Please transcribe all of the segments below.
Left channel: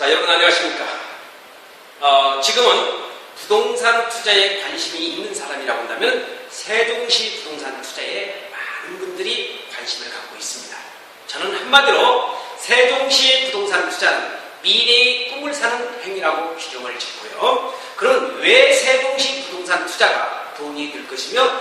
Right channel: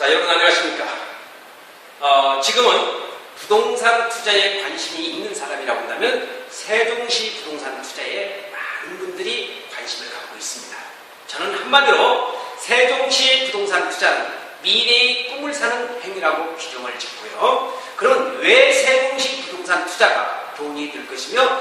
자, 여러분 안녕하십니까? 지금은 부동산 투자에 관심이 있는 사람이라고 한다면 세종시 부동산 투자에 많은 분들이 관심을 갖고 있습니다. 저는 한마디로 세종시의 부동산 투자는 미래의 꿈을 사는 행위라고 규정을 짓고요. 그럼 왜 세종시 부동산 투자가 돈이 들 것이며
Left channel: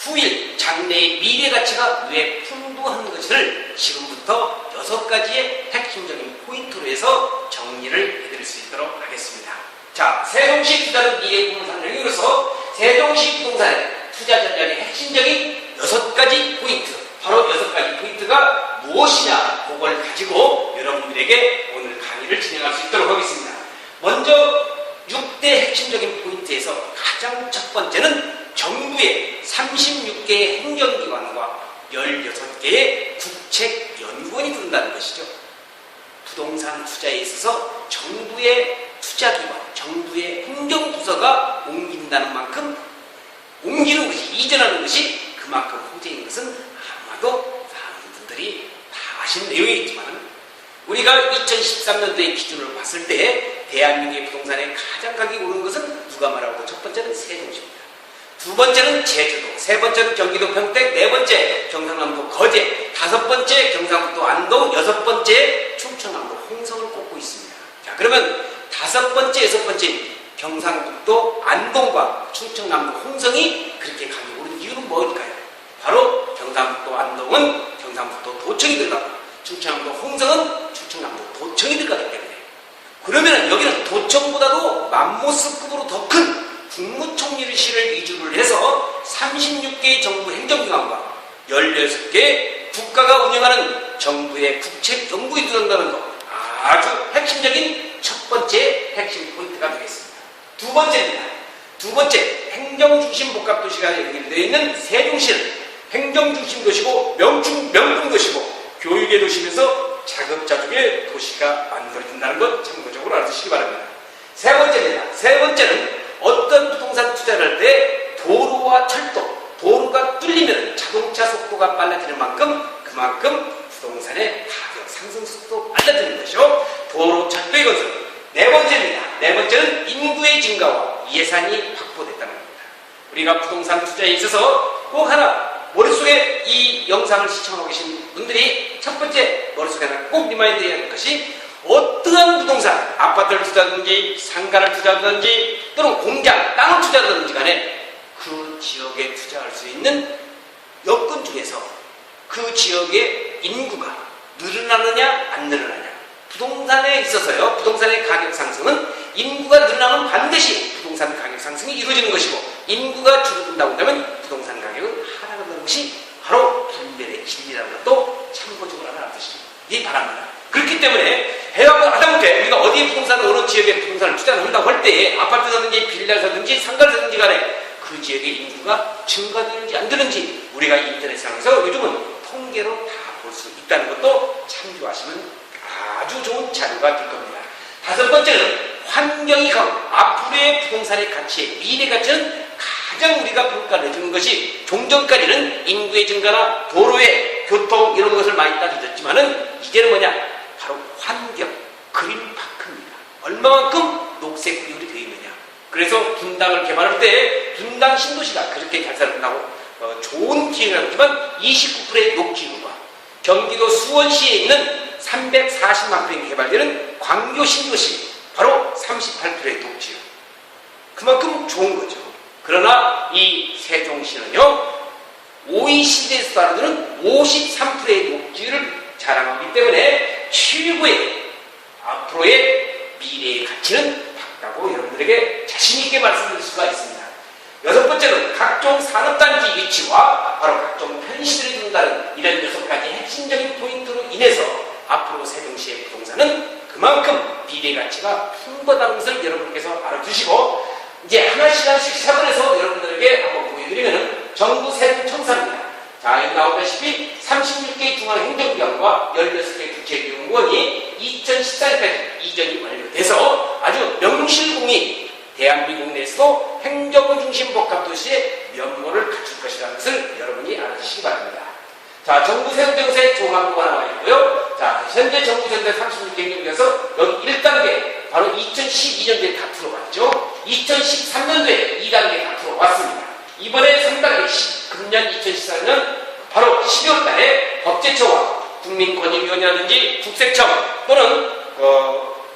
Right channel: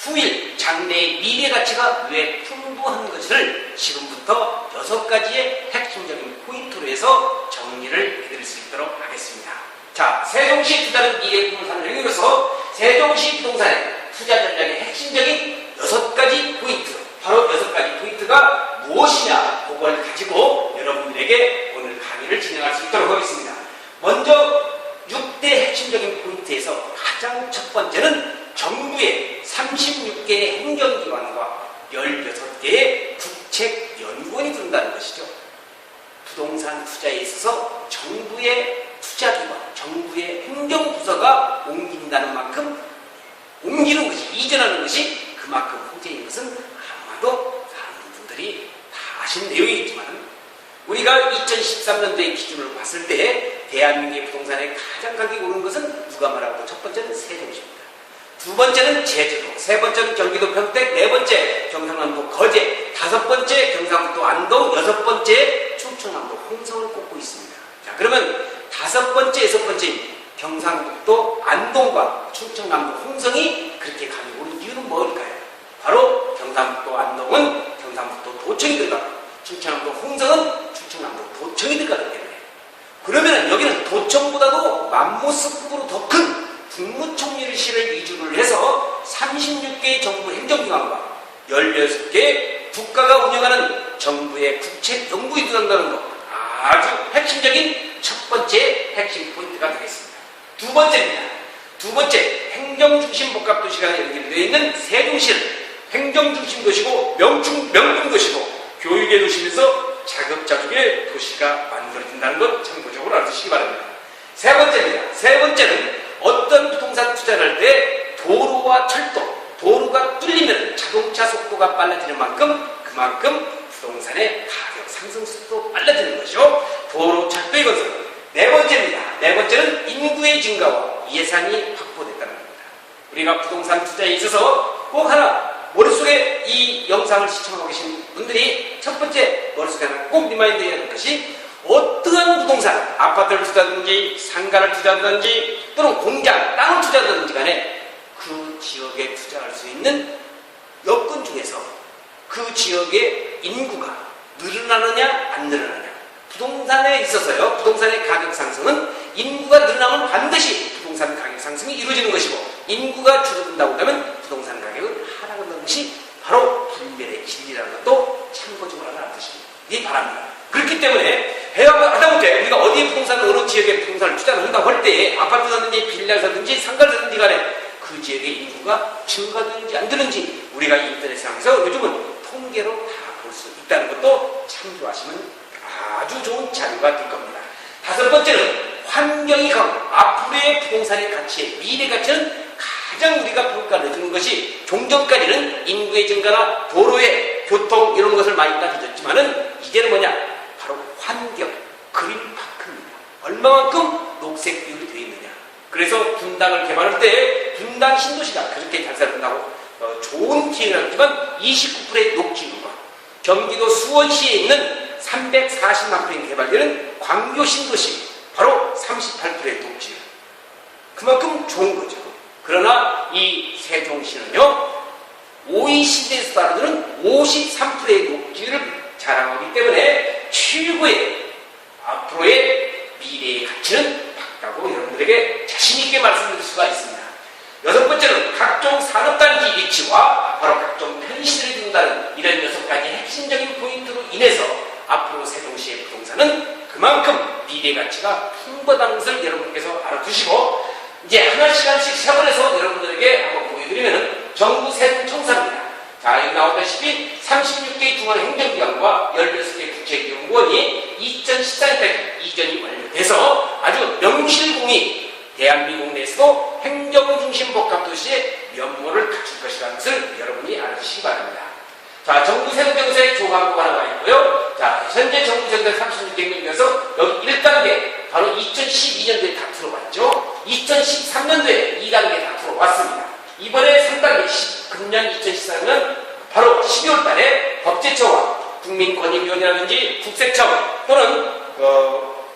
후일 장래의 미래 가치가 왜 풍부한 것을 지금부터 6가지의 핵심적인 포인트로 해서 정리를 해드릴 수 있도록 하겠습니다. 자, 세종시 투자는 미래의 꿈을 사는 행위로서 세종시 부동산의 투자 전략의 핵심적인 6가지 포인트, 바로 6가지 포인트가 무엇이냐, 그걸 가지고 여러분들에게 오늘 강의를 진행할 수 있도록 하겠습니다. 먼저 6대 핵심적인 포인트에서 가장 첫 번째는 정부의 36개의 행정기관과 16개의 국책연구원이 들어온다는 것이죠. 부동산 투자에 있어서 정부의 투자기관, 정부의 행정부서가 옮긴다는 만큼, 옮기는 것이, 이전하는 것이 그만큼 호재인 것은 아마도 많은 분들이 다 아신 내용이겠지만, 우리가 2013년도의 기준을 봤을 때 대한민국의 부동산의 가장 가격이 오른 것은 누가 말하고, 첫 번째는 세종시입니다. 두 번째는 제주도, 세 번째는 경기도 평택, 네 번째 경상남도 거제, 다섯 번째 경상북도 안동, 여섯 번째 충청남도 홍성을 꼽고 있습니다. 자, 그러면 다섯 번째, 여섯 번째 경상북도 안동과 충청남도 홍성이 그렇게 가격이 오른 이유는 뭘까요? 바로 경상북도 안동은 경상북도 도청이 들어가고 충청남도 홍성은 충청남도 도청이 들어가기 때문에, 그러면 여기는 도청보다도 맘모스급으로 더 큰 국무총리실을 위주로 해서 36개의 정부 행정기관과 16개 국가가 운영하는 정부의 국책연구에 들어간다는 것, 아주 핵심적인 첫 번째 핵심 포인트가 되겠습니다. 두 번째입니다. 두 번째, 행정중심복합도시가 연결되어 있는 세종시는 행정중심도시고 명분도시고 교육의 도시면서 자급자족의 도시가 만들어진다는 것 참고적으로 알아두시기 바랍니다. 세 번째입니다. 세 번째는 어떤 부동산 투자를 할 때 도로와 철도, 도로가 뚫리면 자동차 속도가 빨라지는 만큼 그만큼 부동산의 가격 상승 속도 빨라지는 것이죠. 도로, 철도의 건설. 네 번째입니다. 네 번째는 인구의 증가와 예산이 확보됐다는 겁니다. 우리가 부동산 투자에 있어서 꼭 하나 머릿속에 이 영상을 시청하고 계신 분들이 첫 번째 머릿속에 하나 꼭 리마인드해야 할 것이, 어떠한 부동산, 아파트를 투자하든지 상가를 투자하든지 또는 공장, 땅을 투자하든지 간에 그 지역에 투자할 수 있는 여건 중에서 그 지역의 인구가 늘어나느냐 안 늘어나느냐. 부동산에 있어서요, 부동산의 가격 상승은 인구가 늘어나면 반드시 부동산 가격 상승이 이루어지는 것이고, 인구가 줄어든다고 하면 부동산 가격은 하락하는 것이 바로 분별의 진리라는 것도 참고적으로 알아두시기 바랍니다. 그렇기 때문에 하다못해 우리가 어디에 부동산, 어느 지역에 부동산을 투자를 한다고 할 때 아파트 사든지 빌라를 사든지 상가를 사든지 간에 그 지역의 인구가 증가되는지 안 되는지 우리가 인터넷상에서 요즘은 통계로 다 볼 수 있다는 것도 참조하시면 아주 좋은 자료가 될 겁니다. 다섯 번째는 환경이 강하고 앞으로의 부동산의 가치의 미래 가치는 가장 우리가 평가를 해주는 것이, 종전까지는 인구의 증가나 도로의 교통 이런 것을 많이 따져줬지만은 이제는 뭐냐, 바로 환경, 그린파크입니다. 얼마만큼 녹색 비율이 되어 있느냐. 그래서 분당을 개발할 때 분당 신도시가 그렇게 개발된다고 좋은 기회가 있지만 29%의 녹지율과 경기도 수원시에 있는 340만 평이 개발되는 광교 신도시 바로 38%의 녹지율. 그만큼 좋은 거죠. 그러나 이 세종시는요, OECD에서 따르는 53%의 녹지율을 자랑하기 때문에 최고의 앞으로의 미래의 가치는 밝다고 여러분들에게 자신있게 말씀드릴 수가 있습니다. 여섯 번째는 각종 산업단지 위치와 바로 각종 편의시설이 든다는 이런 6가지 핵심적인 포인트로 인해서 앞으로 세종시의 부동산은 그만큼 미래 가치가 풍부하다는 것을 여러분께서 알아두시고, 이제 하나씩 세분해서 여러분들에게 한번 보여드리면 정부 세종청사입니다. 자, 여기 나오다시피 36개의 중앙행정기관과 16개의 국책연구원이 2014년까지 이전이 완료돼서 아주 명실공히 대한민국 내에서도 행정중심복합도시의 면모를 갖출 것이라는 것을 여러분이 알아주시기 바랍니다. 자, 정부 세종정책 조항도가 나와 있고요. 자, 현재 정부 정책 36개 중에서 여기 1단계 22년도에 다 들어왔죠. 2013년도에 2단계 다 들어왔습니다. 이번에 3단계 금년 2014년 바로 12월 달에 법제처와 국민권익위원회라든지 국세청 또는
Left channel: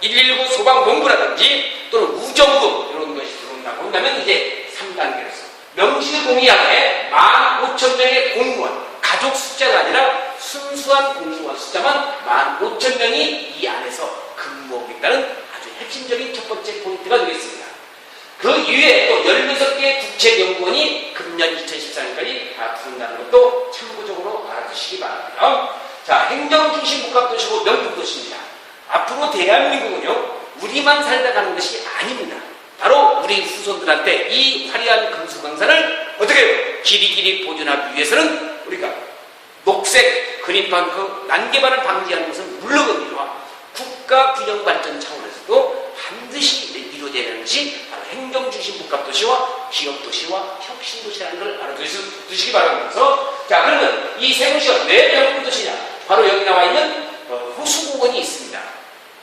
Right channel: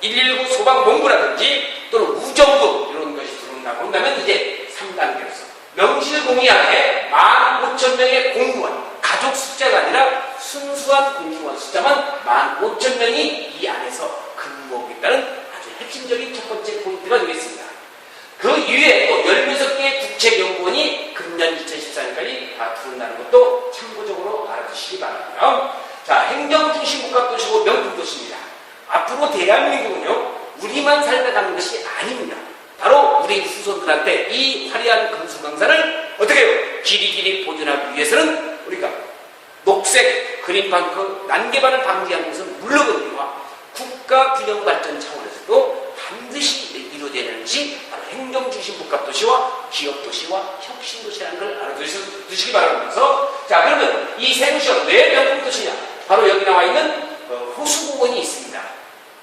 119 소방본부라든지 또는 우정부 이런 것이 들어온다고 한다면 이제 3단계로서 명실공히하게 15,000명의 공무원, 가족 숫자가 아니라 순수한 공무원 숫자만 15,000명이 이 안에서 근무하겠다는 아주 핵심적인 첫 번째 포인트가 되겠습니다. 그 이외에 또 16개의 국책연구원이 금년 2014년까지 다 들어온다는 것도 참고적으로 알아주시기 바랍니다. 자, 행정중심복합도시고 명품도시입니다. 앞으로 대한민국은요, 우리만 살다 가는 것이 아닙니다. 바로 우리 후손들한테 이 화려한 금수강산을 어떻게 해요? 길이길이 보존하기 위해서는 우리가 녹색 그린판 그 난개발을 방지하는 것은 물론이와 국가균형발전 차원에서도 반드시 이루어져야 하는 것이 바로 행정중심복합도시와 기업도시와 혁신도시라는 걸 알아두시기 바라면서, 자, 그러면 이 세종시가 왜 명품도시냐? 바로 여기 나와 있는 호수공원이 있습니다.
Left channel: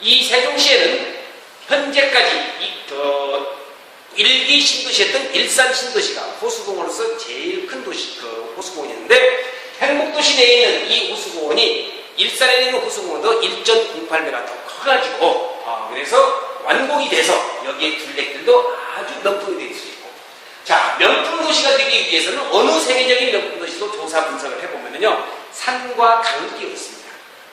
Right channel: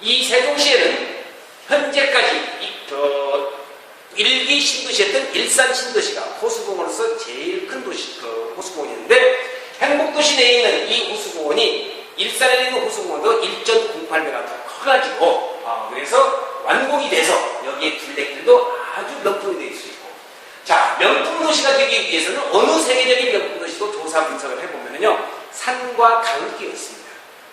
이 세종시에는 현재까지 1기 신도시였던 일산 신도시가 호수공원으로서 제일 큰 도시, 호수공원이었는데, 행복도시 내에 있는 이 호수공원이 일산에 있는 호수공원도 1.08배가 더 커가지고, 그래서 완공이 돼서 여기에 둘레길도 아주 명품이 될 수 있고, 자, 명품도시가 되기 위해서는 어느 세계적인 명품도시도 조사 분석을 해보면요, 산과 강이 끼어 있습니다.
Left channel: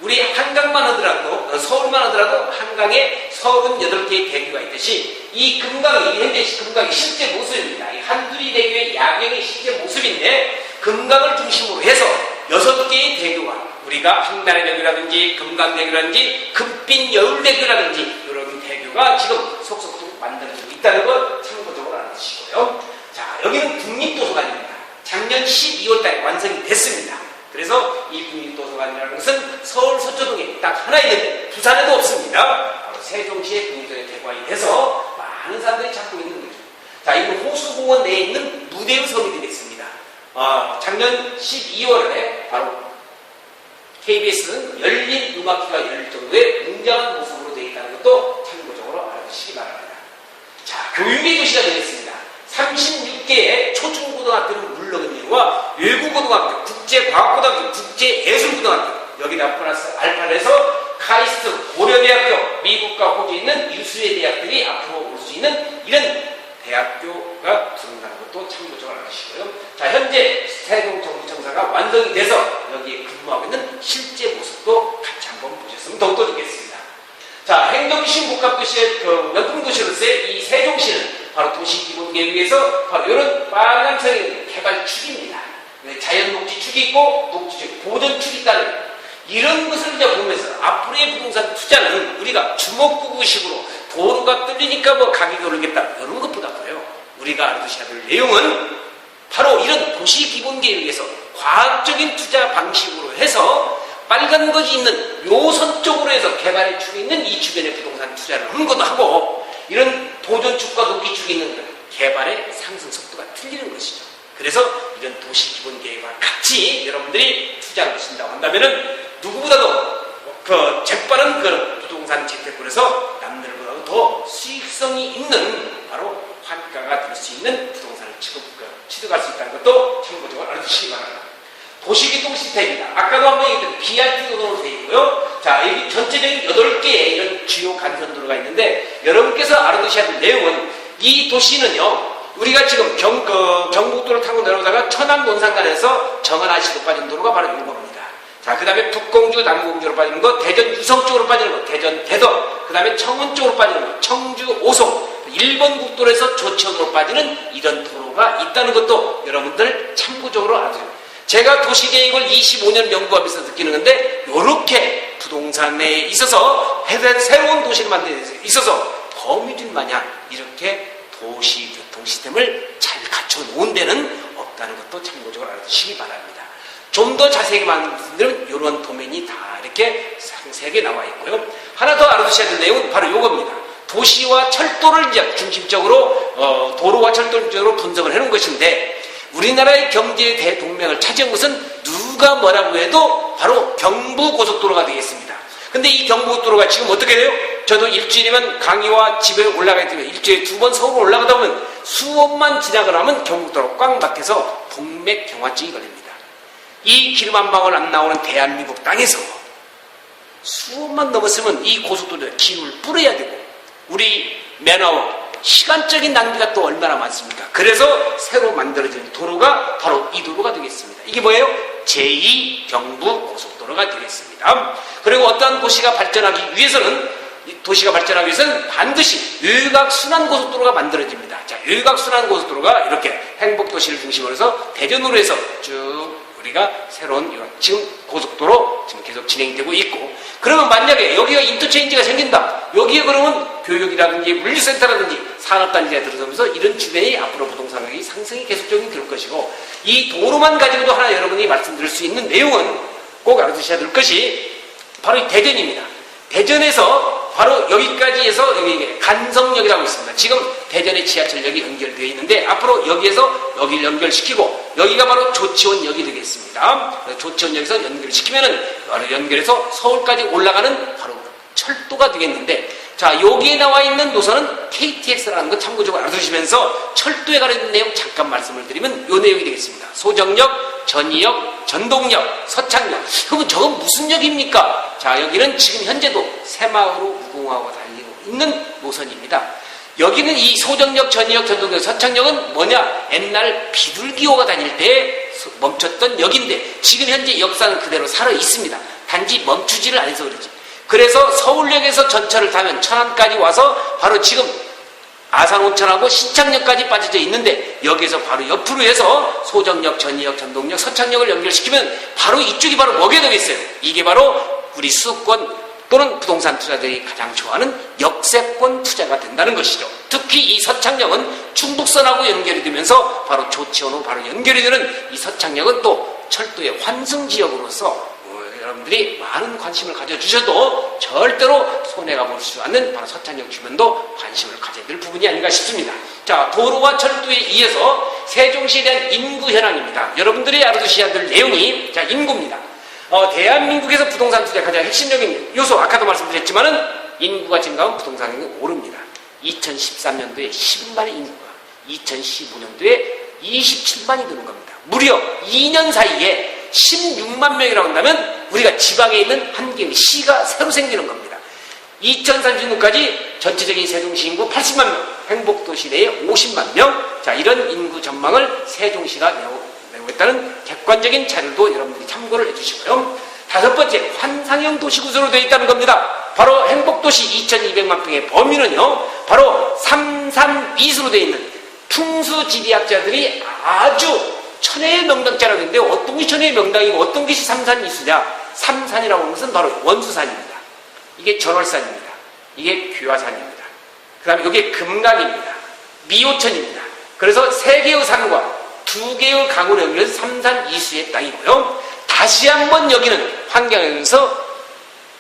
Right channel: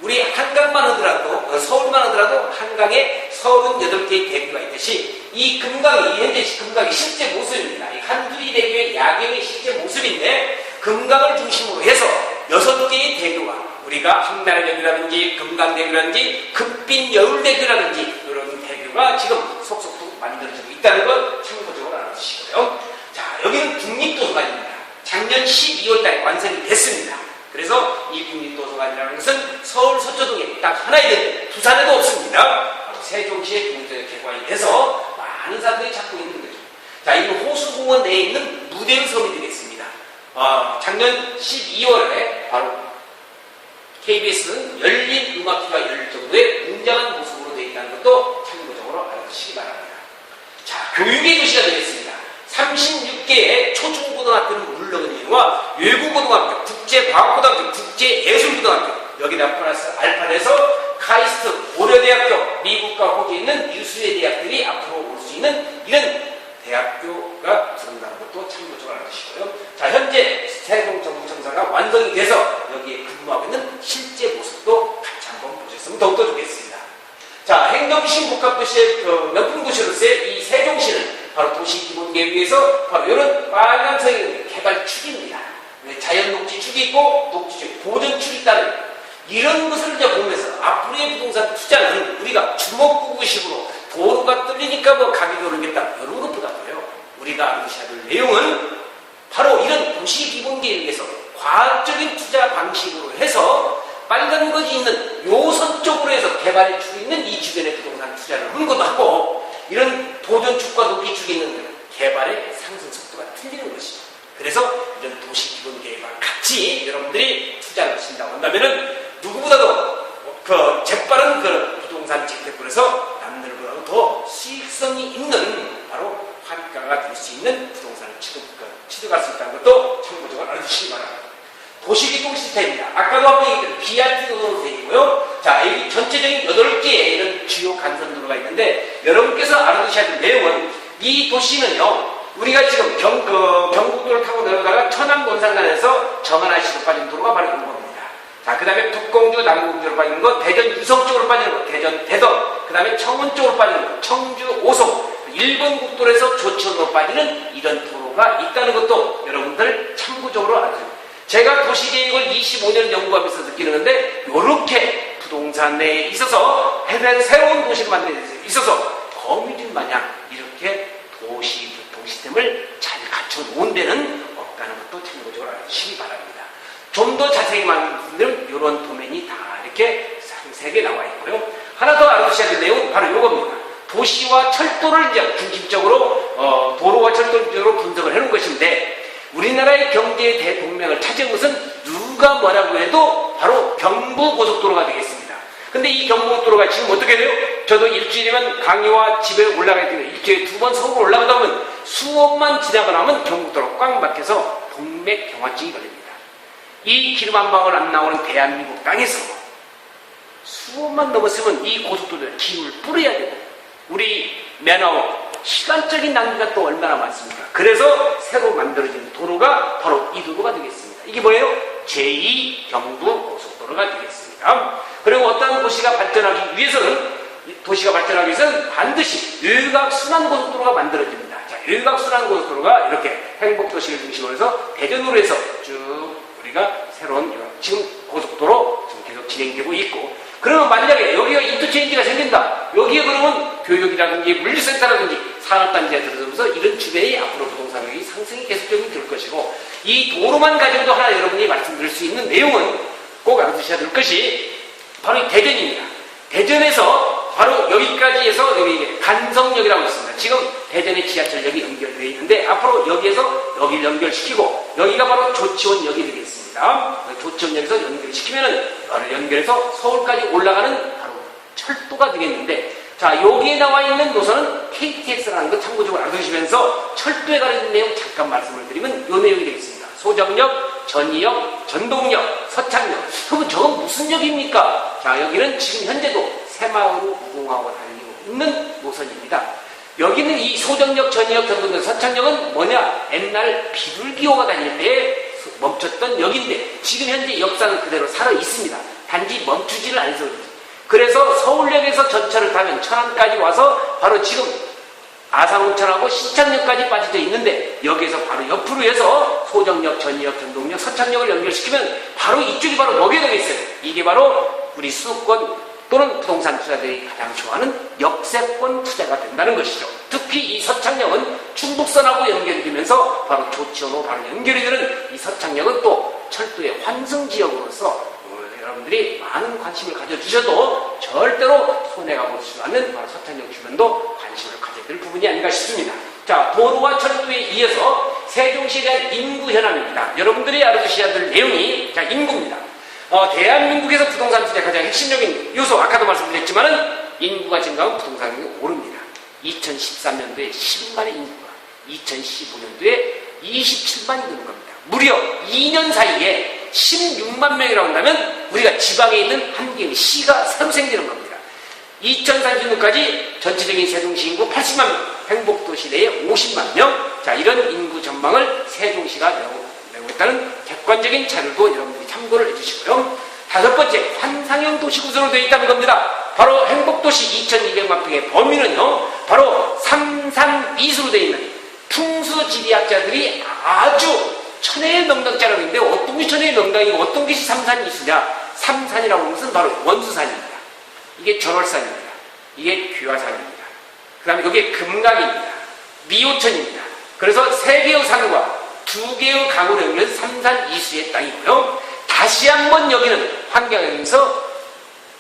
우리 한강만 하더라도, 서울만 하더라도 한강에 38개의 대교가 있듯이 이 금강이, 현재 금강이 실제 모습입니다. 이 한두리 대교의 야경의 실제 모습인데, 금강을 중심으로 해서 6개의 대교가, 우리가 황달의 대교라든지 금강대교라든지 금빛 여울대교라든지 이런 대교가 지금 속속속 만들어지고 있다는 걸 참고적으로 알아주시고요. 자, 여기는 국립도서관입니다. 작년 12월 달에 완성이 됐습니다. 그래서 이 국립도서관이라는 것은 서울 서초동에 딱 하나 있는데 부산에도 없습니다. 바로 세종시의 국립도서관에 개관이 돼서 많은 사람들이 찾고 있는 거죠. 자, 이는 호수공원 내에 있는 무대의 섬이 되겠습니다. 작년 12월에 바로 KBS는 열린 음악회가 열릴 정도의 웅장한 모습으로 되어 있다는 것도 참고적으로 알아주시기 바랍니다. 자, 교육의 도시가 되겠습니다. 36개의 초중고등학교는 물론이와 외국고등학교, 국제과학고등학교, 국제예술고등학교, 여기다 플러스 알파를 해서 카이스트, 고려대학교, 미국과 호주에 있는 유수의 대학들이 앞으로 올 수 있는 이런 대학교가 들어온다는 것도 참고적으로 알아주시고요. 자, 현재 세종정부청사가 완성이 돼서 여기에 근무하고 있는 실제 모습도 같이 한번 보셨으면 더욱더 좋겠습니다. 자, 행정중심복합도시의 명품도시로서의 이 세종시는 바로 도시기본계획에서 바로 이런 빨간색의 개발축입니다. 자연녹지축이 있고 녹지축, 보전축이 있다는 이런 것을 이제 보면서 앞으로의 부동산 투자는 우리가 주먹구구식으로 도로가 뚫리니까 뭐 가격이 오르겠다 이런 것보다도요, 우리가 알아두셔야 될 내용은 바로 이런 도시기본계획에서 과학적인 투자 방식으로 해서 빨간 것이 있는 요선 쪽으로 해서 개발이 주고 있는 이 주변의 부동산 투자를 하는 것도 하고, 이런 보존축과 녹지축이 있는 개발의 상승 속도가 틀리는 것이죠. 그래서 이런 도시기본계획과 같이 여러분들이 투자를 하신다고 한다면은 누구보다도 재빠른 부동산 재테크에서 남들보다도 더 수익성이 있는 바로 환가가 될 수 있는 부동산을 취득할 수 있다는 것도 참고적으로 알아주시기 바랍니다. 도시교통 시스템입니다. 아까도 한번 얘기했던 BRT 도로로 되어 있고요. 자, 여기 전체적인 8개의 이런 주요 간선도로가 있는데, 여러분께서 알아두셔야 될 내용은 이 도시는요, 우리가 지금 경국도를 타고 내려오다가 천안 논산간에서 정안아시로 빠진 도로가 바로 이런 겁니다. 자, 그 다음에 북공주, 남공주로 빠지는 거, 대전 유성 쪽으로 빠지는 거, 대전 대덕, 그 다음에 청원 쪽으로 빠지는 거, 청주 오송, 일본 국도에서 조천으로 빠지는 이런 도로가 있다는 것도 여러분들 참고적으로 아세요. 제가 도시계획을 25년 연구하면서 느끼는 건데, 이렇게 부동산에 있어서 새로운 도시를 만드는 데 있어서 거미줄 마냥 이렇게 도시교통 시스템을 잘 갖춰놓은 데는 없다는 것도 참고적으로 알아주시기 바랍니다. 좀 더 자세히 말씀드리면 이런 도면이 다 이렇게 상세하게 나와 있고요. 하나 더 알아두셔야 될 내용은 바로 이겁니다. 도시와 철도를 이제 중심적으로 도로와 철도를 중심적으로 분석을 해놓은 것인데, 우리나라의 경제의 대동맥을 차지한 것은 누가 뭐라고 해도 바로 경부고속도로가 되겠습니다. 근데 이 경부고속도로가 지금 어떻게 돼요? 저도 일주일이면 강의와 집에 올라가야 되면 일주일에 2번 서울 올라가다 보면 수업만 지나고 나면 경북도로 꽉 막혀서 동맥경화증이 걸립니다. 이 기름 한 방울 안 나오는 대한민국 땅에서 수업만 넘었으면 이 고속도로에 기름을 뿌려야 되고 우리 맨아웃 시간적인 낭비가 또 얼마나 많습니까? 그래서 새로 만들어진 도로가 바로 이 도로가 되겠습니다. 이게 뭐예요? 제2경부고속도로가 되겠습니다. 그리고 어떠한 도시가 발전하기 위해서는 반드시 일각순환고속도로가 만들어집니다. 자, 일각순환고속도로가 이렇게 행복도시를 중심으로 해서 대전으로 해서 쭉 우리가 새로운 지금 고속도로 지금 계속 진행되고 있고, 그러면 만약에 여기가 인터체인지가 생긴다. 여기에 그러면 교육이라든지 물류센터라든지 산업단지가 들어서면서 이런 주변이 앞으로 부동산의 상승이 계속적이 될 것이고, 이 도로만 가지고도 하나 여러분이 말씀드릴 수 있는 내용은 꼭 알아두셔야 될 것이 바로 이 대전입니다. 대전에서 바로 여기까지 해서 여기 간성역이라고 있습니다. 지금 대전의 지하철역이 연결되어 있는데 앞으로 여기에서 여기를 연결시키고 여기가 바로 조치원역이 되겠습니다. 조치원역에서 연결시키면은 연결해서 서울까지 올라가는 바로 철도가 되겠는데, 자, 여기에 나와 있는 노선은 KTX라는 거 참고적으로 알아두시면서 철도에 관한 내용 잠깐 말씀을 드리면 이 내용이 되겠습니다. 소정역, 전이역, 전동역, 서창역. 그럼 저건 무슨 역입니까? 자, 여기는 지금 현재도 새마을로 무궁화가 달리고 있는 노선입니다. 여기는 이 소정역, 전이역, 전동역, 서창역은 뭐냐? 옛날 비둘기호가 다닐 때 멈췄던 역인데 지금 현재 역사는 그대로 살아 있습니다. 단지 멈추지를 않아서 그렇지. 그래서 서울역에서 전철을 타면 천안까지 와서 바로 지금 아산온천하고 신창역까지 빠져져 있는데 여기서 바로 옆으로 해서 소정역, 전이역, 전동역, 서창역을 연결시키면 바로 이쪽이 바로 뭐게 되겠어요? 이게 바로 우리 수도권 또는 부동산 투자들이 가장 좋아하는 역세권 투자가 된다는 것이죠. 특히 이 서창역은 충북선하고 연결이 되면서 바로 조치원으로 바로 연결이 되는 이 서창역은 또 철도의 환승지역으로서 여러분들이 많은 관심을 가져주셔도 절대로 손해가 볼 수 없는 바로 서창역 주변도 관심을 가져야 될 부분이 아닌가 싶습니다. 자, 도로와 철도에 이어서 세종시에 대한 인구 현황입니다. 여러분들이 알아두셔야 될 내용이, 자, 인구입니다. 대한민국에서 부동산 투자의 가장 핵심적인 요소, 아까도 말씀드렸지만은 인구가 증가하면 부동산이 오릅니다. 2013년도에 10만의 인구가 2015년도에 27만이 되는 겁니다. 무려 2년 사이에 16만 명이라고 한다면 우리가 지방에 있는 한 개의 시가 새로 생기는 겁니다. 2030년까지 전체적인 세종시 인구 80만 명, 행복도시 내에 50만 명, 자, 이런 인구 전망을 세종시가 내고 있다는 객관적인 자료도 여러분들이 참고를 해주시고요. 다섯 번째, 환상형 도시 구조로 되어 있다는 겁니다. 바로 행복도시 2200만 평의 범위는요, 바로 332수로 되어 있는 풍수지리학자들이 아주 천혜의 명당자라고 있는데 어떤 것이 천혜의 명당이고 어떤 것이 삼산이수냐? 삼산이라고 하는 것은 바로 원수산입니다. 이게 전월산입니다. 이게 귀화산입니다. 그 다음에 이게 금강입니다. 미호천입니다. 그래서 세 개의 산과 두 개의 강으로 연결해서 삼산이수의 땅이고요. 다시 한번 여기는 환경에서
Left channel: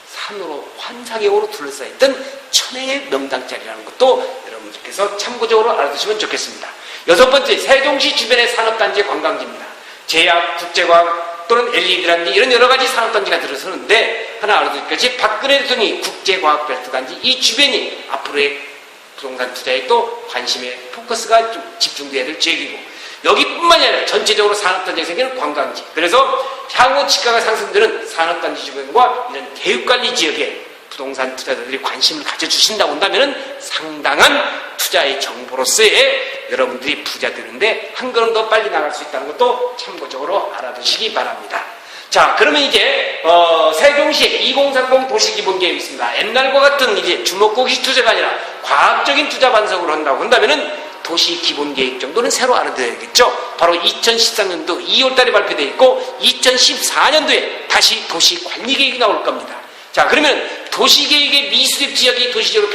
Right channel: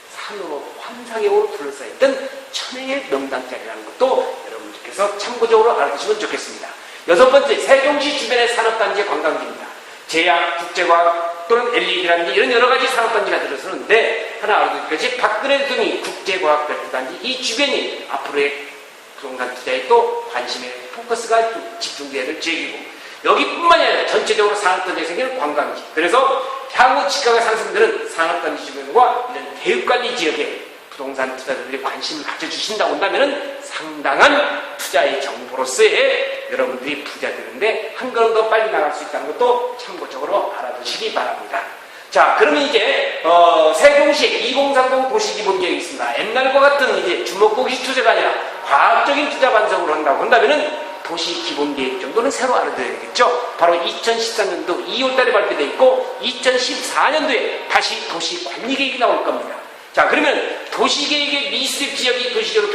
산으로 환사경으로 둘러싸였던 천혜의 명당자리라는 것도 여러분들께서 참고적으로 알아두시면 좋겠습니다. 여섯 번째, 세종시 주변의 산업단지의 관광지입니다. 제약, 국제과학 또는 LED라든지 이런 여러 가지 산업단지가 들어서는데 하나 알아두실 것이 박근혜 대통령이 국제과학별도단지 이 주변이 앞으로의 부동산 투자에 또 관심의 포커스가 좀 집중돼야 될 지역이고, 여기뿐만이 아니라 전체적으로 산업단지가 생기는 관광지, 그래서 향후 집가가 상승되는 산업단지 주변과 이런 대육관리 지역에 부동산 투자자들이 관심을 가져주신다고 한다면 상당한 투자의 정보로서의 여러분들이 부자 되는데 한 걸음 더 빨리 나갈 수 있다는 것도 참고적으로 알아두시기 바랍니다. 자, 그러면 이제 세종시에 2030 도시기본계획이 있습니다. 옛날과 같은 이제 주먹고기 투자가 아니라 과학적인 투자 반성을 한다고 한다면은 도시기본계획 정도는 새로 알아둬야겠죠. 바로 2013년도 2월달에 발표되어 있고 2014년도에 다시 도시관리계획이 나올 겁니다. 자, 그러면 도시계획의 미수립 지역이 도시적으로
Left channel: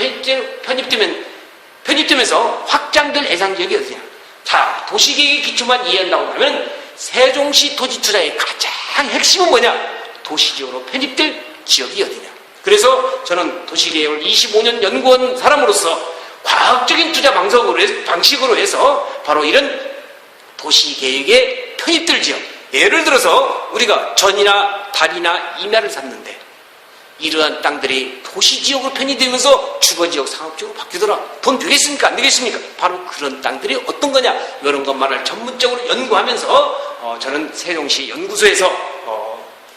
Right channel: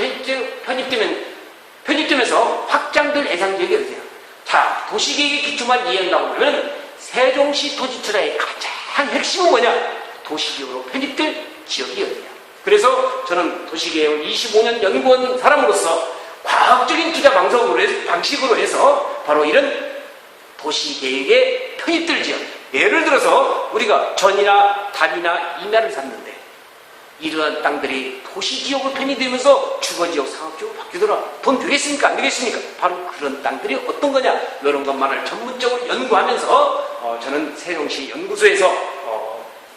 편입되면서 확장될 예상지역이 어디냐? 자, 도시계획의 기초만 이해한다고 하면 세종시 토지투자의 가장 핵심은 뭐냐? 도시지역으로 편입될 지역이 어디냐? 그래서 저는 도시계획을 25년 연구한 사람으로서 과학적인 투자 방식으로 해서 바로 이런 도시계획에 편입될 지역, 예를 들어서 우리가 전이나 달이나 임야를 샀는데 이러한 땅들이 도시지역으로 편입되면서 주거지역, 상업지역으로 바뀌더라. 돈 되겠습니까? 안 되겠습니까? 바로 그런 땅들이 어떤 거냐? 이런 것만을 전문적으로 연구하면서 저는 세종시 연구소에서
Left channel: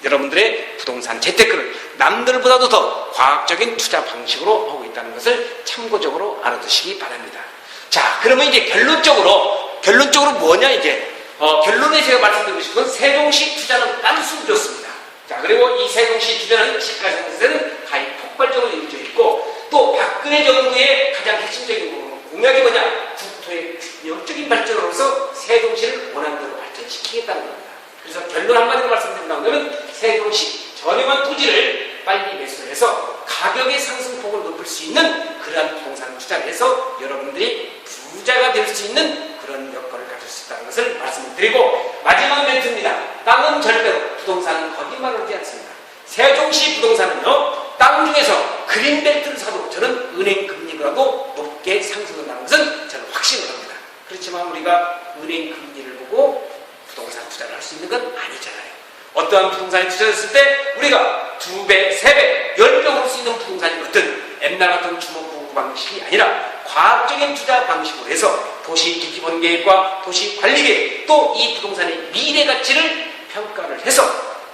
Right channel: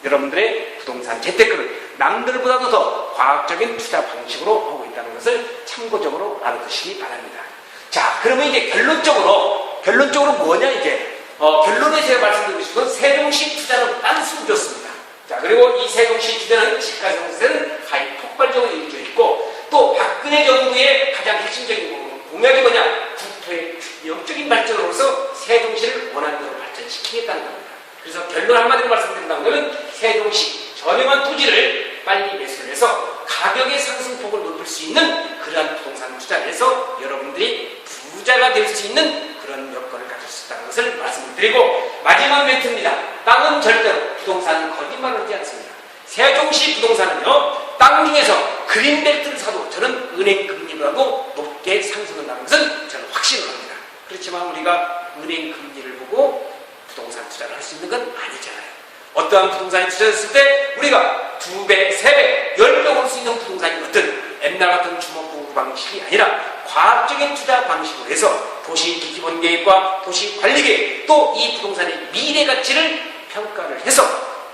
여러분들의 부동산 재테크를 남들보다도 더 과학적인 투자 방식으로 하고 있다는 것을 참고적으로 알아두시기 바랍니다. 자, 그러면 이제 결론적으로 뭐냐 이제 결론에 제가 말씀드리고 싶은 건 세종시 투자는 단수 좋습니다. 자, 그리고 이 세종시 투자는 집가상승세는 가히 폭발적으로 이루어져 있고 또 박근혜 정부의 가장 핵심적인 공약이 뭐냐? 국토의 균형적인 발전으로서 세종시를 원하는 대로 발전시키겠다는 겁니다. 그래서 결론 한마디로 말씀드린다면 세종시 저렴한 토지를 빨리 매수해서 가격의 상승폭을 높일 수 있는 그러한 부동산 투자를 해서 여러분들이 부자가 될 수 있는 그런 여건을 가질 수 있다는 것을 말씀을 드리고 마지막 멘트입니다. 땅은 절대로 부동산은 거짓말을 하지 않습니다. 세종시 부동산은요, 땅 중에서 그린벨트를 사도 저는 은행 금리보다도 높게 상승한다는 것은 저는 확신을 합니다. 그렇지만 우리가 은행 금리를 보고 부동산 투자를 할 수 있는 건 아니잖아요. 어떠한 부동산에 투자했을 때 우리가 2배, 3배, 10배 올 수 있는 부동산이 어떤 옛날 같은 주먹보고 방식이 아니라 과학적인 투자 방식으로 해서 도시 기본 계획과 도시 관리 계획 또 이 부동산의 미래 가치를 평가를 해서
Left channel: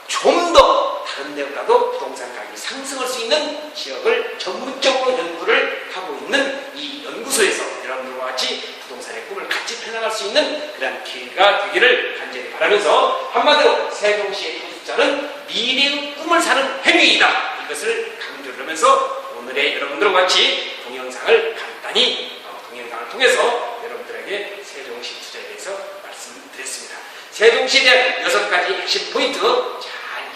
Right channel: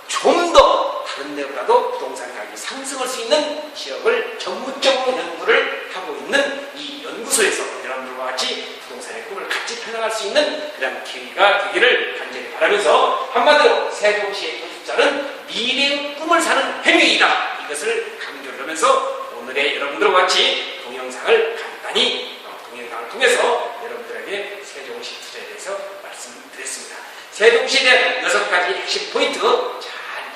좀 더 다른 데보다도 부동산 가격이 상승할 수 있는 지역을 전문적으로 연구를 하고 있는 이 연구소에서 여러분들과 같이 부동산의 꿈을 같이 펴나갈 수 있는 그런 기회가 되기를 간절히 바라면서 한마디로 세종시의 토지자는 미래의 꿈을 사는 행위이다. 이것을 강조를 하면서 오늘의 여러분들과 같이 동영상을 간단히 동영상을 통해서 여러분들에게 세종시 투자에 대해서 말씀드렸습니다. 세종시에 대한 6가지 핵심 포인트 잘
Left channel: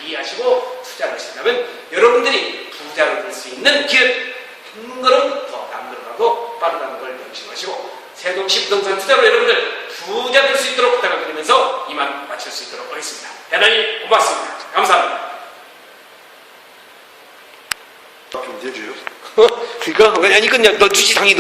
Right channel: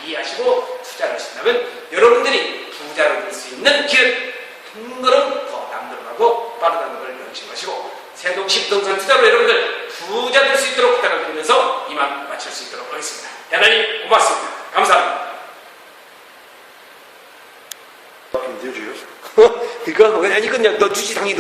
이해하시고 투자를 하신다면 여러분들이 부자로 될 수 있는 길은 한 걸음 더 남들보다도 빠르다는 걸 명심하시고 세종시 부동산 투자로 여러분들 부자 될 수 있도록 부탁을 드리면서 이만 마칠 수 있도록 하겠습니다. 대단히 고맙습니다. 감사합니다. Puis, Dieu, 그거 아니 이건 너 주지 당이